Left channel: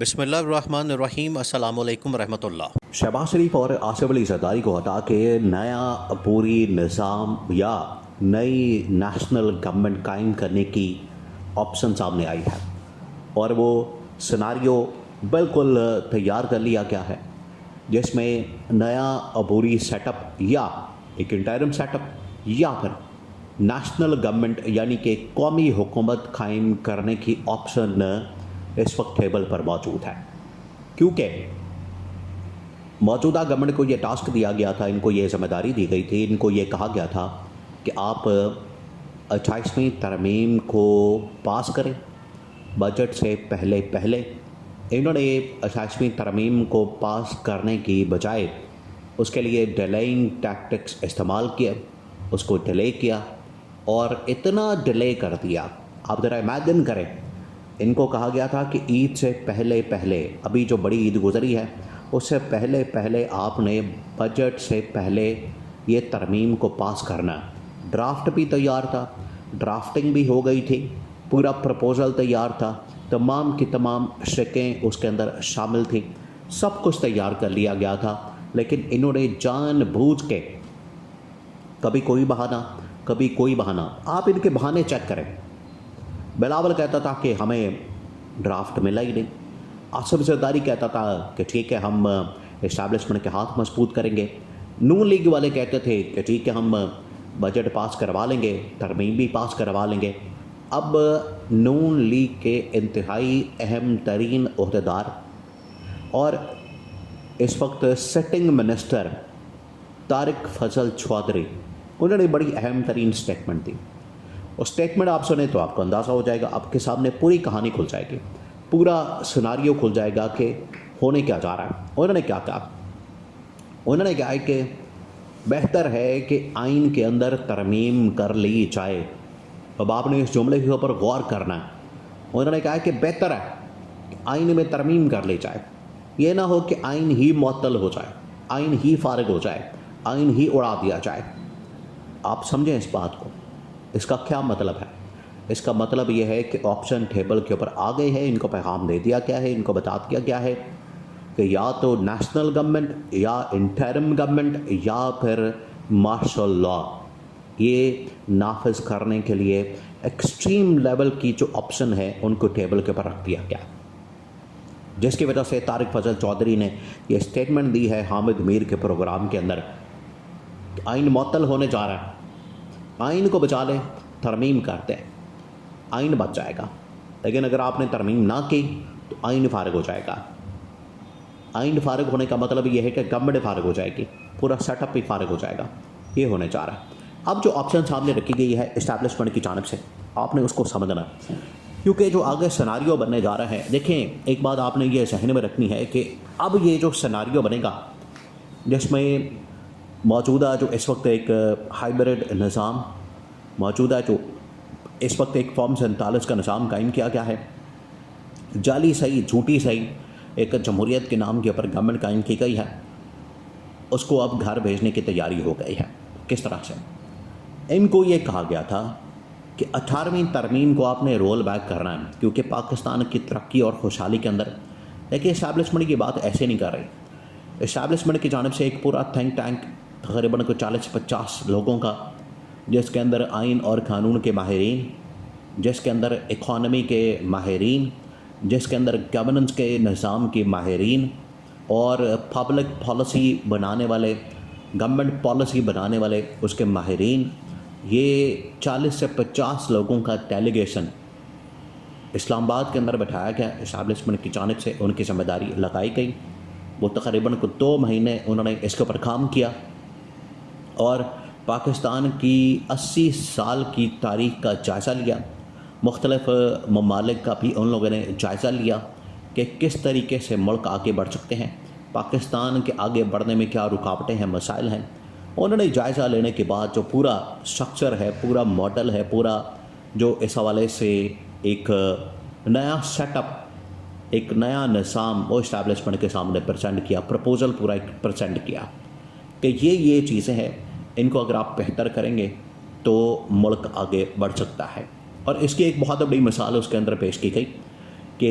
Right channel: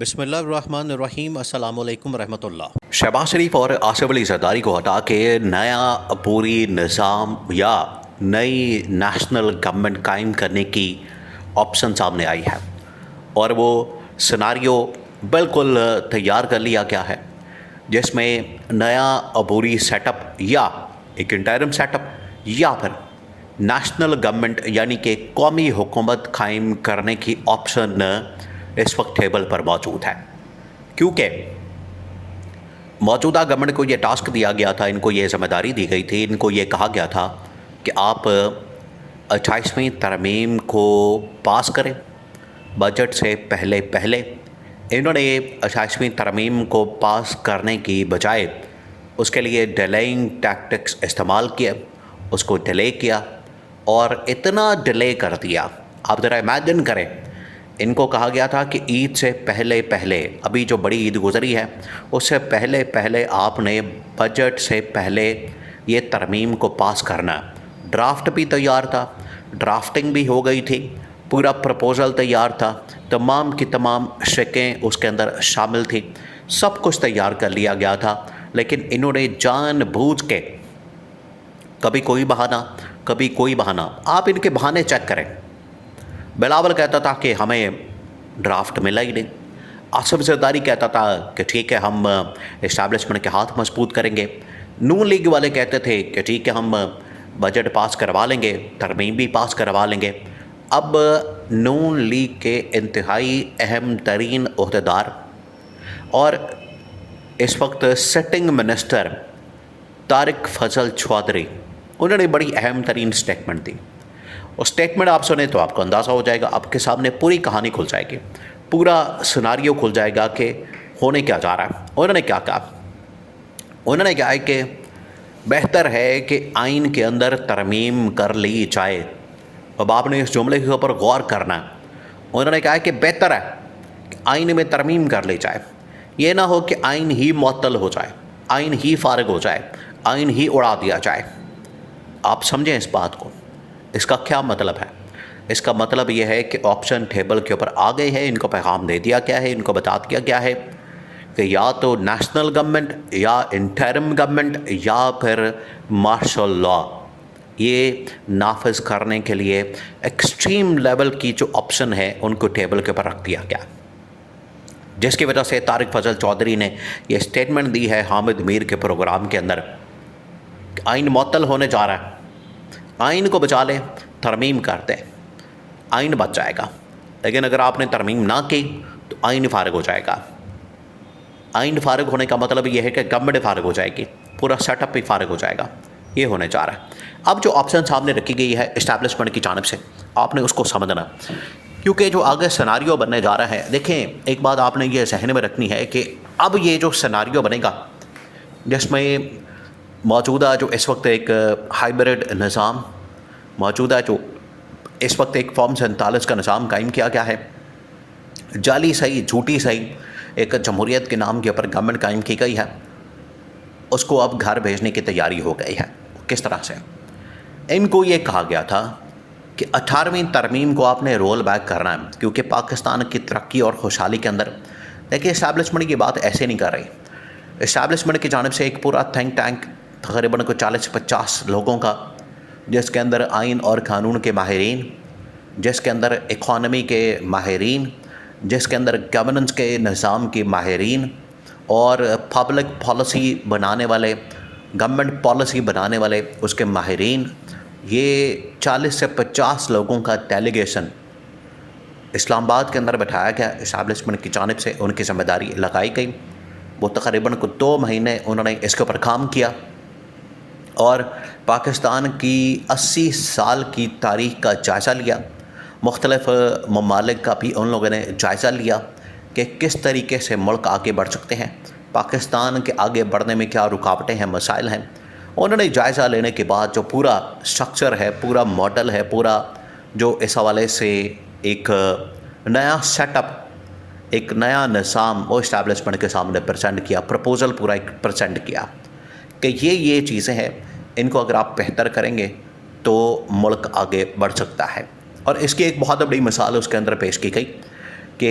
بسم اللہ الرحمن الرحیم، السلام علیکم ورحمۃ اللہ۔ شہباز شریف اور آصف علی زرداری کو ہٹا کے نیا پوری نظام یا نئی نیشنل گورنمنٹ قائم کرنے کی آپشن سامنے آئی ہے، اور وہ سناریو بالکل تیار کر لیا گیا ہے، جس میں نیا عبوری سیٹ اپ یا ایک انٹرم سیٹ اپ یا پھر نیشنل گورنمنٹ یعنی کہ قومی حکومت قائم کرنے کی آپشن اس وقت ٹیبل پر موجود ہے، کیونکہ موجودہ گورنمنٹ کو یہ ٹاسک دیا گیا تھا، ان کو یہ ذمہ داری دی گئی تھی، ان کو یہ کہا گیا تھا کہ آپ 28ویں ترمیم کو پاس کریں بجٹ سے پہلے۔ انہوں نے 28ویں ترمیم کو پاس کرنے کی بجائے اس کے لیے ڈیلینگ ٹیکٹکس استعمال کیا، اس کو ڈیلے کیا اور اتنا ڈیلے کر دیا۔ آپ ذرا امیجن کریں، ان کو کہا گیا تھا کہ عید سے پہلے ابھی جو بڑی عید گزری ہے اس سے پہلے آپ نے بجٹ سے پہلے یہ ترمیم کو پاس کرنا۔ ڈرافٹ بھی تیار تھا، ڈرافٹنگ بھی ہو گئی تھی، پورا پروپوزل تیار تھا، تمام کی تمام شکیں اس کے اندر شامل تھی، سب کچھ تیار کر لیا گیا تھا، لیکن انہوں نے جان بوجھ کے کبھی کوئی بہانہ، آپ ان کے بہانے چیک کریں۔ بلاول کہتا تھا کہ ہمیں ڈرافٹ ملا ہی نہیں، آصف زرداری کہتا تھا کہ ٹھیک ہے ہم اسٹیبلشمنٹ کے ہاتھ مضبوط کریں گے، نون لیگ والے کہتے تھے کہ ٹھیک ہے ہم بجٹ پاس کروا لیں گے، ترمیم بھی پاس کروا لیں گے۔ اب نون لیگ کے انتہائی اہم ترین عہدیدار اور اس وقت سٹنگ منسٹر طارق فضل چودھری، انہوں نے بڑی اہم ترین سٹیٹمنٹ دی۔ اور سٹیٹمنٹ آپ سنیں تو آپ کو اندازہ ہو جائے گا، آپ کے سامنے پوری کہانی کھل جائے گی، پورا سناریو کھل جائے گا کہ ہونے کیا جا رہا ہے۔ انہوں نے کیا کہا؟ انہوں نے کہا ہے کہ بہتر ہے کہ آئین کے اندر ترمیم کر لی جائے۔ اب آپ نے اس جملے کے اوپر غور کرنا ہے۔ انہوں نے کہا ہے کہ بہتر ہے کہ آئین میں ترمیم کر لی جائے، یہ نہ ہو کہ آئین ہی معطل ہو جائے، آئین ہی فارغ ہو جائے، آئین ہی اڑا دیا جائے۔ آپ سمجھیں اس بات کو، اس کا کیا مطلب ہے؟ اس کا مطلب یہ ہے کہ آپشن ٹیبل کے اوپر آ گئے ہیں، ان کو پیغام دے دیا گیا ہے، ان کو بتا دیا گیا ہے کہ یا تو نیشنل گورنمنٹ یا انٹرم گورنمنٹ یا پھر مارشل لا، یہ نافذ کرنے کے لیے ایکسٹریم لیول کی جو آپشن ہے ان کو ٹیبل کے اوپر رکھ دیا گیا، جس کی وجہ سے طارق فضل چودھری نے یہ سٹیٹمنٹ دی ہے حامد میر کے پروگرام کے اندر کہ آئین معطل ہونے جا رہا ہے، آئین کو بچا لیں، ترمیم کرتے آئین بچ جائے گا، لیکن اگر آپ نے ترمیم نہ کی تو آئین فارغ ہو جائے گا۔ آئین فارغ ہونے کا مطلب یہ ہے کہ گورنمنٹ فارغ ہو جائے گی، پورا سیٹ اپ بھی فارغ ہو جائے گا، یہ ہونے جا رہا ہے۔ اب جو آپشن سامنے رکھی گئی ہے اسٹیبلشمنٹ کی جانب سے، آپ نے اس کو سمجھنا، کیونکہ جو آگے سناریو بننے جا رہا ہے، دیکھیں ایک بات آپ نے یہ ذہن میں رکھنی ہے کہ اب یہ جو سناریو بنے گا جس میں موجودہ جو اس وقت ایک ہائبرڈ نظام موجودہ، جو اس وقت ایک فارم 47 کا نظام قائم کیا گیا ہے، جعلی صحیح جھوٹی صحیح ایک جمہوریت کے نام کے اوپر گورنمنٹ قائم کی گئی ہے، اس کو اب گھر بھیجنے کی تیاری ہو گئی ہے۔ کس طرح سے؟ ان کو یہ کہا گیا تھا کہ 18ویں ترمیم کو آپ نے رول بیک کرنا ہے، کیونکہ پاکستان کی ترقی اور خوشحالی کے اندر، لیکن اسٹیبلشمنٹ کی بات ایسے نہیں کر رہی۔ اسٹیبلشمنٹ کی جانب سے ایک پورا تھنک ٹینک تقریباً 40 سے 50 لوگوں کا، جس کے اندر آئین اور قانون کے ماہرین، جس کے اندر اکانومی کے ماہرین، جس کے اندر گورننس کے نظام کے ماہرین اور پبلک پالیسی بنانے والے، گورنمنٹ پالیسی بنانے والے اس کے ماہرین، یہ 40 سے 50 لوگوں کا ڈیلیگیشن اسلام آباد کے اندر بٹھایا گیا، اسٹیبلشمنٹ کی جانب سے ان کی ذمہ داری لگائی گئی۔ وہ تقریباً 2 مہینے انہوں نے اس کے اوپر کام کیا اور پاکستان کی 80 سال کی تاریخ کا جائزہ لیا، مختلف ممالک کا بھی ان لوگوں نے جائزہ لیا کہ کس طریقے سے ملک آگے بڑھ سکتے ہیں، پاکستان کے آگے بڑھنے میں کیا رکاوٹیں ہیں، مسائل ہیں۔ انہوں نے جائزہ لینے کے بعد جو پورا سٹرکچر ہے، پورا ماڈل ہے، پورا جو اس حوالے سے ایک نیا سیٹ اپ، ایک نیا نظام وہ اسٹیبلشمنٹ کے سامنے پریزنٹ کیا، پروپوزل پورا ایک پریزنٹ کیا کہ یہ چیزیں ہیں، ان کو اگر آپ بہتر کریں گے تو ملک آگے بڑھ سکتا ہے۔ اور اس کی ایک بہت بڑی مثال اس کے اندر پیش کی گئی کہ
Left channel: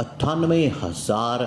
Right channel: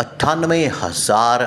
98,000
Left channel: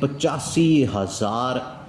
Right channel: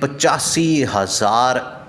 85,000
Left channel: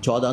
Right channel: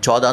14